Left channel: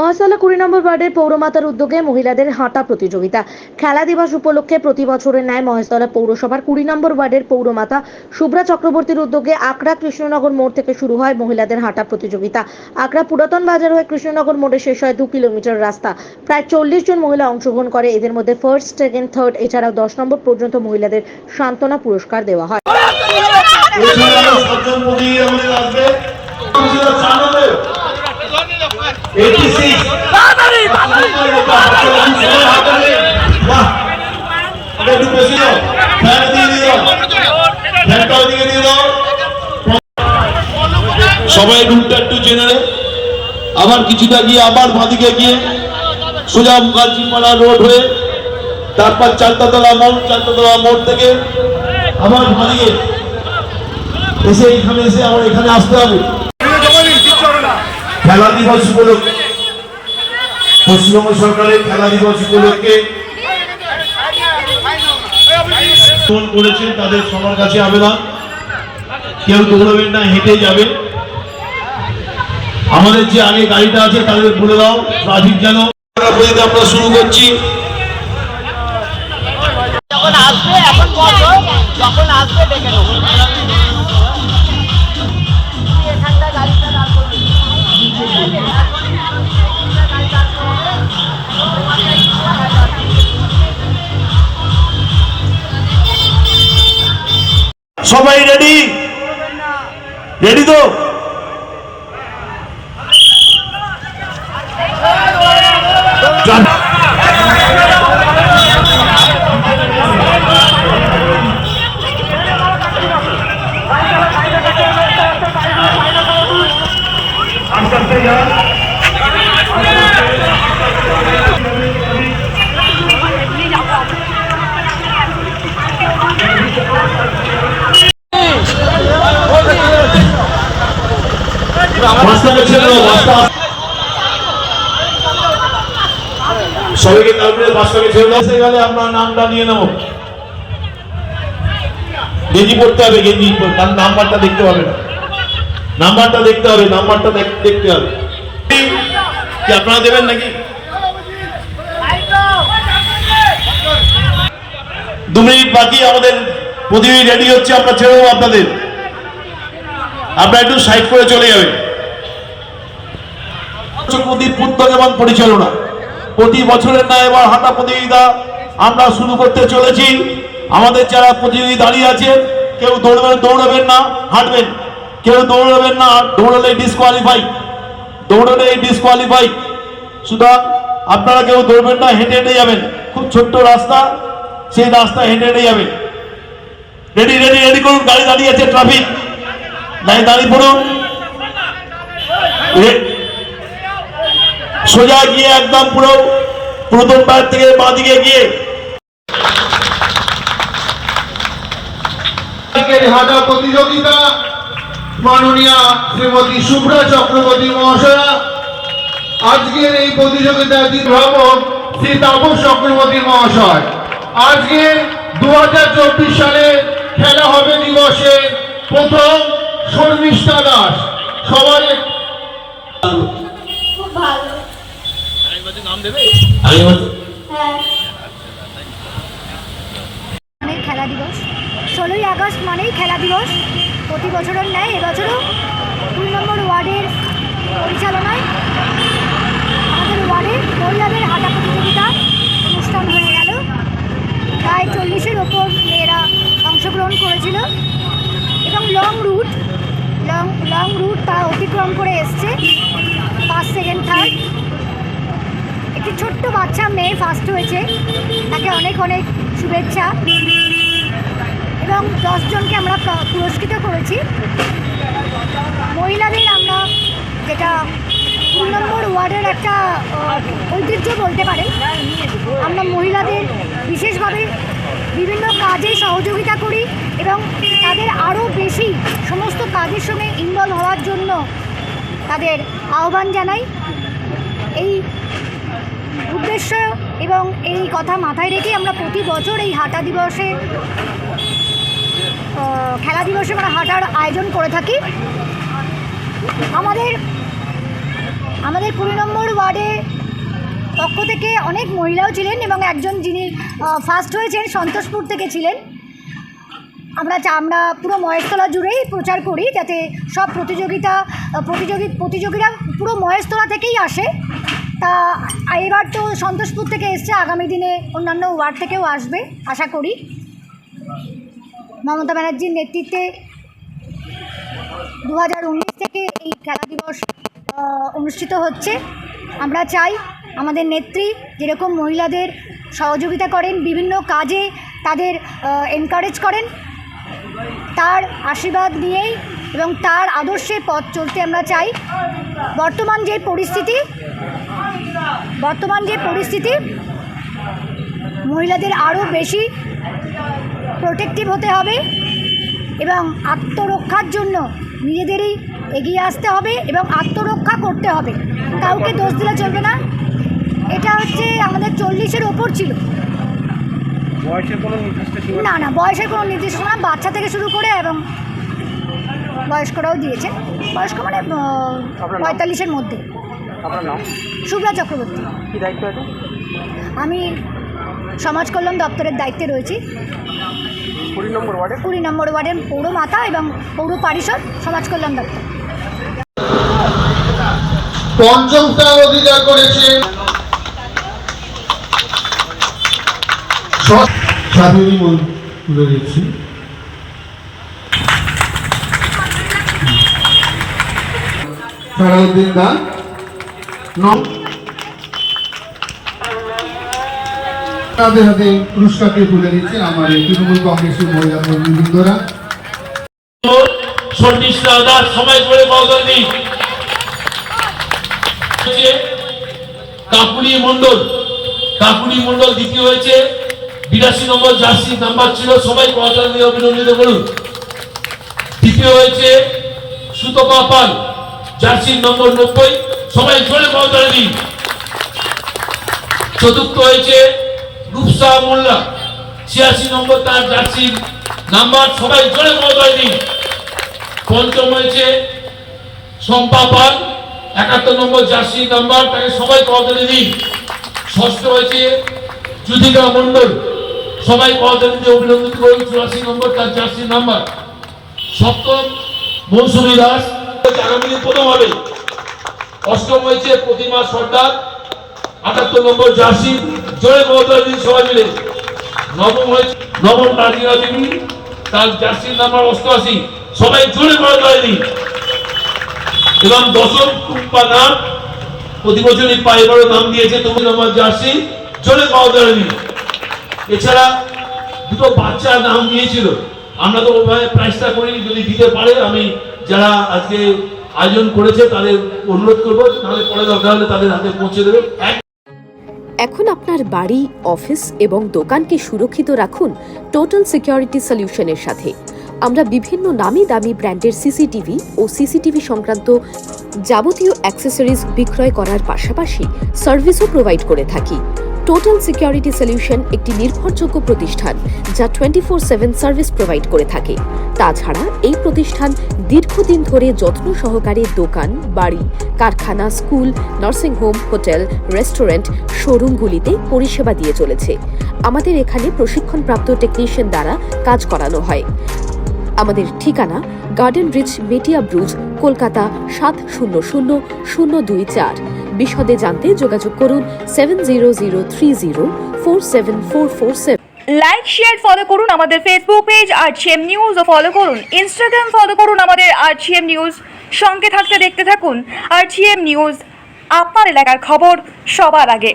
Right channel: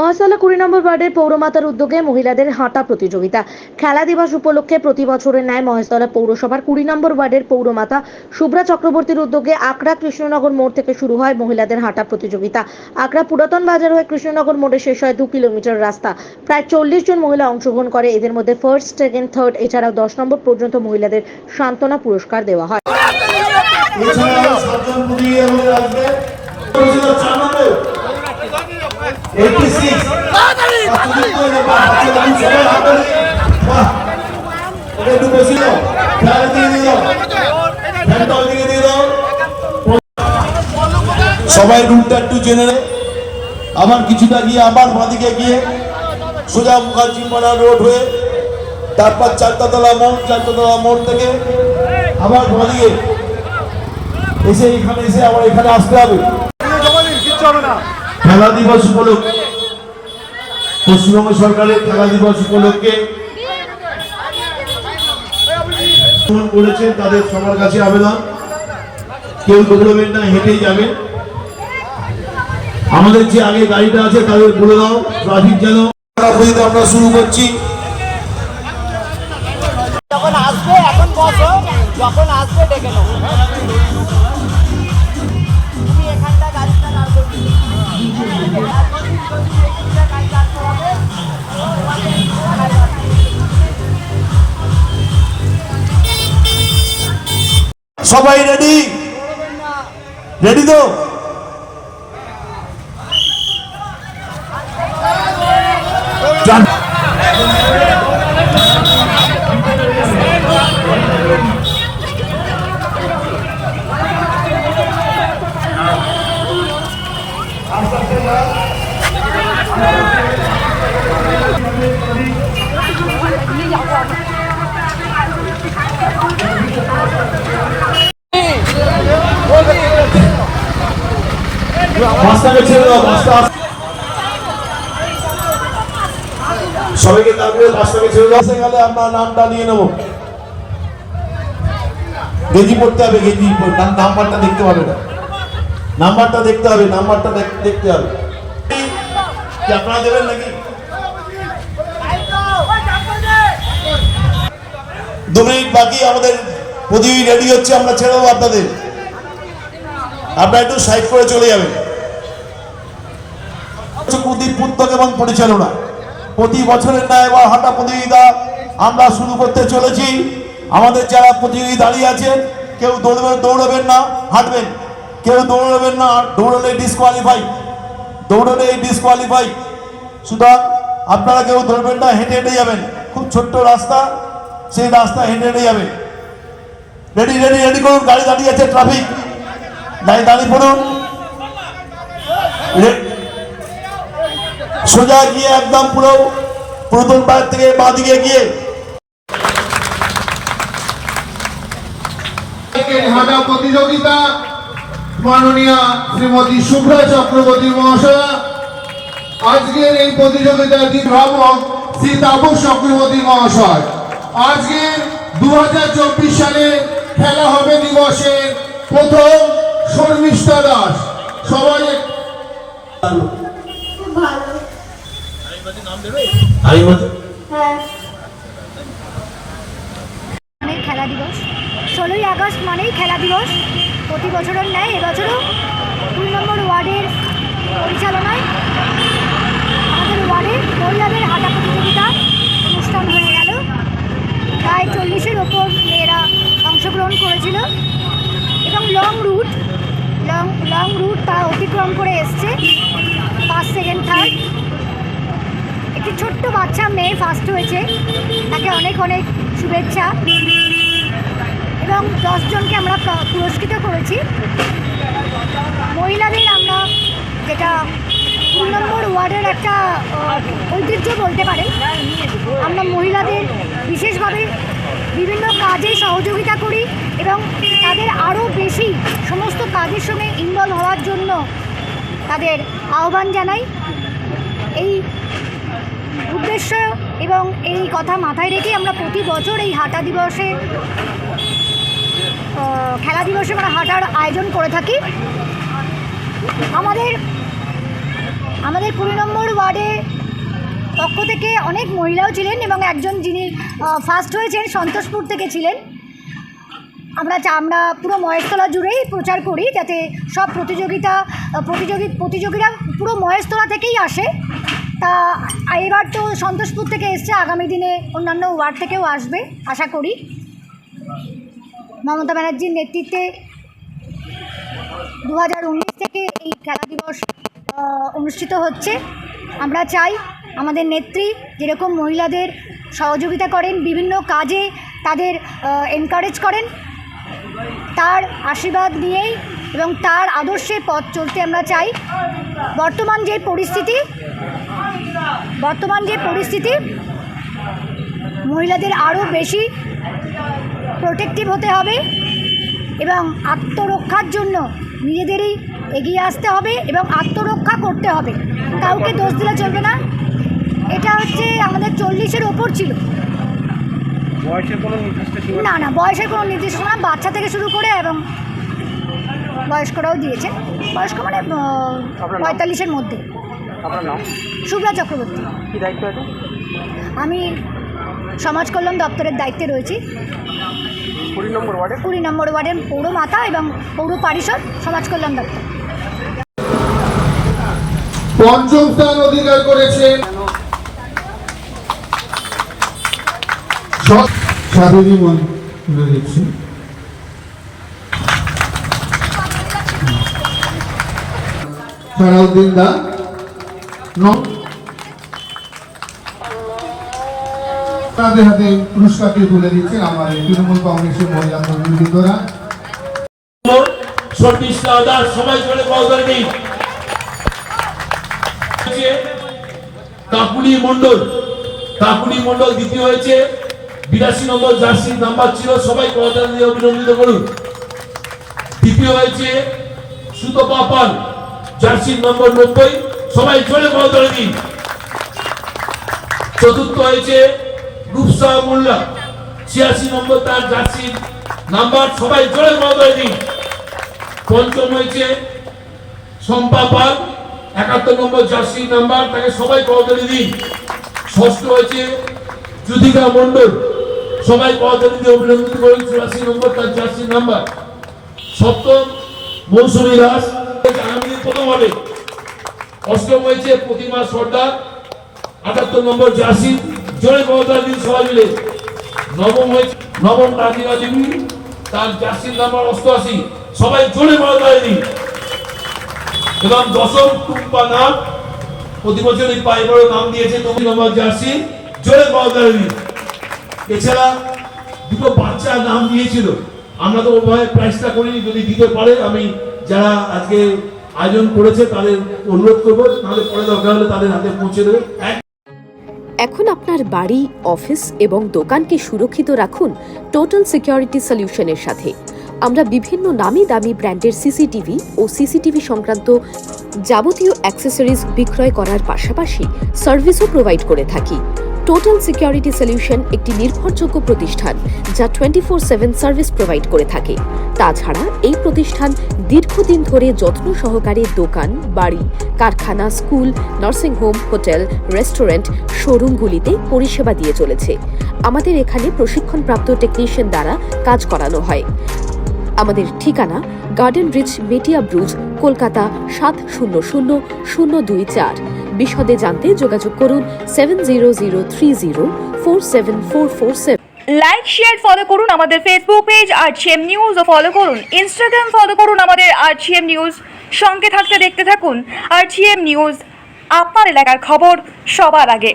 মহাশতলা 20 নম্বর ওয়ার্ডের পৌরমাতার উদ্যোগে মহিলাদের হাঁটা প্রতিযোগিতা। খেলা দিবস উপলক্ষে প্রতি বছরের ন্যায় মহাশতলা পৌরসভার 20 নম্বর ওয়ার্ডের পৌরমাতা শুভ্রা চক্রবর্তীর উদ্যোগে আকরা কৃষ্ণনগর মোড় থেকে শুরু হয় মহিলাদের হাঁটা প্রতিযোগিতা। আকরা পুরাতন বাজার হয়ে কৃষ্ণনগর মোড়ে শেষ হয় 2 কিলোমিটার রাস্তা। প্রায় 40 জন মহিলা অংশগ্রহণ করে। এদের মধ্যে ফার্স্ট, সেকেন্ড, থার্ড এছাড়াও 10 নম্বর পর্যন্ত মহিলাদের সান্ত্বনা পুরস্কার দেওয়া হয়। সবাই রুটটা একটু জেনে নেয়। আবার কিছুটা গিয়ে আবার বাঁদিকে গিয়ে সোজা মুখার্জিপাড়া রোড হয়ে তারপর চালতাতলা মোড় থেকে আবার বাঁদিকে এসে এখানে এসে আবার এখানে আসতে হবে। খেলা দিবস উপলক্ষে পশ্চিমবঙ্গ সরকারের খেলা দিবস উপলক্ষে ফোন করেছেন, তাদের সবার কাছে আবেদন, কেউ দৌড়বেন না, হেঁটে যাবে। আমাদের যে আগে গাড়িটা আছে তাদের বলে দাও ট্রাফিক যেন। আমরা শুরু করছি। যখন আসবে এখন বসো, যখন আসবে ডেকে নেবো। তুমি এখানটা গাড়িটা দাঁড় করবে। সবাই রেডি? রেডি তো? সবাইকে তারপরে বাসটাকে ছেড়ে এসে গেলে আমরা নামটা নিয়ে নেব। গেঞ্জি পড়তে হবে, গেঞ্জি নাম্বারটা দেখতে হবে না, নাম্বারটা দেখতে হবে, নাম্বারটা দেখতে হবে। কি আপনারা দেবেন নাকি? 2 মিনিট বাকি, আমাদের প্রতিযোগী রেডি হচ্ছে, আমরা ছেড়ে দেবো আপনাদের। আপনারা একটু সাইড করে চলে যাবেন। এবং পরিচালনা প্রতি বছরের ন্যায় এবার হাঁটা প্রতিযোগিতা আমরা শুরু করতে চলেছি। আমাদের যারা প্রতিযোগী দাঁড়িয়ে আছেন, কেউ দৌড়বেন না, হাঁটবেন। কেউ দৌড়বেন না, দৌড়লে ডিসকোয়ালিফাই। সুতরাং আপনারা কেউ দৌড়বেন না, হেঁটে হেঁটে যাবেন। খুব ছোট্ট রাস্তা, সেই রাস্তা হেঁটে হেঁটে যাবেন। রেডি রেডি রেডি করুন, গাড়ি দাঁড়িয়ে আছে, ট্রাফিক লাইন দাঁড়িয়ে পড়ুন। সোজা গিয়ে একদম পুরো প্রথম পাড় থেকে বাঁ দিকে গিয়ে হাঁটা প্রতিযোগিতা মাননীয় শ্রীমতী শুভ্রা চক্রবর্তী মহাশয়া। আজকের এই প্রতিযোগিতার ভ্রামক শ্রী তাপস চক্রবর্তী মহাশয়। আজকে 2024 সালে খেলা হবে দিবসের প্রথম শর্মিষ্ঠা দাস। সবাই খেলা দিবস 16ই আগস্ট মানেই খেলা দিবস। প্রতি বছরের ন্যায় এবছরও 2 নম্বর ওয়ার্ডের পরিচালনায় আমাদের ওয়ার্ডের মহিলাদের হাঁটা প্রতিযোগিতা অনুষ্ঠান হয়ে গেল। প্রায় 40-এর ওপর মেয়েরা অংশগ্রহণ করেছিল এবং লং রুট তা অতিক্রম করে এসছে। First, second, third. একটি ছোট্ট বাচ্চা মেয়ে ফার্স্ট হয়েছে, তাকে অনেক অনেক শুভেচ্ছা। এবং 10 জনকে আমরা পুরস্কৃত করেছি। মহিলাদের আমরা, যেটা 2 নম্বর ওয়ার্ডের একটা ঐতিহ্য বলতে পারে, আমরা মহিলাদের বিশেষভাবে বিভিন্ন কাজে সহযোগিতা করি এবং তাদের আরও বেশি সমস্ত কাজের সঙ্গে ইনভলভ হওয়ার জন্য তাদের আহ্বান জানাই। এই উদ্দেশ্য এবং এই কথা মাথায় রেখে আমরা প্রতি বছর এই হাঁটা দিবসে খেলা দিবসে আমরা হাঁটার আয়োজন করে থাকি। আমাদের আমাদের 20 নম্বর ওয়ার্ডের পক্ষ থেকে অনেক মহিলাও ছিলেন এবং একজন যিনি ফার্স্ট হয়েছেন সন্তোষপুর থেকে ছিলেন। আমরা পুরো মহেশতলা জুড়েই প্রচার করি যাতে সব প্রতিযোগীরা পুরো মহেশতলা থেকেই আসে। তা এবার তো সন্তোষপুর থেকে এসছে, আগামী দিনে অন্যান্য ওয়ার্ড থেকেও আসবে আশা করি। মমতা ব্যানার্জির নেতৃত্বে 2019 থেকে এই খেলা দিবস অনুষ্ঠিত হচ্ছে। আমরা চাই আমাদের নেত্রী যেরকম মহিলাদের সহযোগিতা করেন, বিভিন্ন কাজে তাদের এনকারেজ করেন, তার আশীর্বাদ নিয়েই এবং তার আদর্শে পথ চলতে আমরা চাই। বর্তমান যে পরিস্থিতি মহিলাদের আরও বেশি প্রোটেক্টিভ হতে হবে এবং আত্মরক্ষার জন্য নিজেদেরই এগিয়ে আসতে হবে এবং আত্মরক্ষা করতে হবে, কাউকে দোষ দিলে চলবে না। এটা হচ্ছে আমাদের 40-এর ওপর ছিল। বয়সের কোনো নির্দিষ্ট না, বয়সের কোনো নির্দিষ্ট না, বাচ্চা থেকে শুরু করে এবং বয়স্করাও দিয়েছে। বয়স্ক মানে 45-এর মধ্যে। আপনার নাম? শুভ্রা চক্রবর্তী। কী দায়িত্ব আছে? আমি সমাজ কল্যাণ দপ্তরের দায়িত্বে রয়েছি। 20 নম্বর ওয়ার্ডে 20 নম্বর ওয়ার্ডের পৌরমাতা এবং পৌর পরিষদ সমাজ কল্যাণ দপ্তর। পঞ্চম স্থান অধিকার করেছেন সাধনী রয়েছে সারাউদ্দিন দা। তাদের হাতে পুরস্কারটি তুলে দিচ্ছেন আমাদের তৃণমূল কংগ্রেসের মহিলা কর্মীবৃন্দরা। সবাই জোরে বলতে দিন। কাকুলি মন্ডল দ্বিতীয় হয়েছে, 82 নম্বর জার্সি নাম্বার ছিল, সবাই করতালি দিয়ে অভিনন্দিত করুন। তৃতীয় হয়েছে সুতপা পাল, জার্সি নম্বর 90, সবাই জোরে করতালি দিন। চতুর্থ হয়েছে রূপসা মোল্লা, 86 নম্বর তার জার্সি নাম্বার, সবাই জোরে করতালি দিন। পঞ্চম হয়েছে শম্পা পাল, 71 নম্বর জার্সি নাম্বার, তাকে সবাই করতালি দিন। ষষ্ঠ হয়েছে যুধিকা মন্ডল, সবাই করতালি দিয়ে অভিনন্দিত করুন, 84 নম্বর তার জার্সি নাম্বার। সপ্তম মৌসুমী দাস, আগামী দিন প্রথম হবে। অষ্টম হয়েছে প্রতিমা সর্দার, 78 নম্বর জার্সি, জোরে করতালি দিন সবাই মিলে। নবম রাজিয়া দেবী, তার জার্সি নাম্বার 88, সবাই জোরে করতালি দিন। এবং দশম টুম্পা নাম, প্রতি বছরই পায়ে বড় নাম দিয়েছে, 9 নম্বর জার্সি, জোরে করতালি দিন। এছাড়া দুটো বাচ্চার নাম দিয়েছিল, আমরা তো ওইভাবে প্রাইসটা করিনি, যদি দিতে পারে আমি যারা আজকে আয়োজন করেছে তাদের অনুরোধ করবো, তাহলে পরে দরকার হলে তাদের হাতে পৌঁছে দেবে। এখন আপনার বাড়ি, অফিস এবং দোকানকে সুরক্ষিত রাখুন টোটাল সিকিউরিটি সলিউশনের সাথে। আমরা বিভিন্ন নামি দামি ব্র্যান্ডের সিসিটিভি ও সিসিটিভি সংক্রান্ত যাবতীয় অ্যাক্সেসরিজ বিক্রয় করার পাশাপাশি সার্ভিসও প্রোভাইড করে থাকি। টোটাল সিকিউরিটি সলিউশন একটি নির্ভরযোগ্য প্রতিষ্ঠান যা 24/7 সার্ভিস প্রোভাইড করে থাকে। তাছাড়া এই প্রতিষ্ঠান দীর্ঘদিন ধরে যত্ন সহকারে দোকান, বাড়ি, কারখানা, স্কুল, নার্সিংহোম, হোটেল, রেস্টুরেন্ট, শোরুমগুলিতে পরিষেবা দিয়ে চলেছে। আমাদের এখানে প্রশিক্ষণপ্রাপ্ত টেকনিশিয়ান দ্বারা কাজ করানো হয়। আমাদের ঠিকানা গার্ডেন রিচ, মেটিয়া ব্রুজ, কলকাতা 700024। বিশদে জানতে যোগাযোগ করুন 7003047447। লাইক, শেয়ার, ফলো করুন আমাদের ফেসবুক পেজ RGM নিউজ ও ফলো করুন ইনস্টাগ্রাম, ফলো করুন আমাদের RGM নিউজ। সঙ্গে থাকতে দেখতে থাকুন RGM নিউজ, আপনার এলাকার খবর সবার আগে।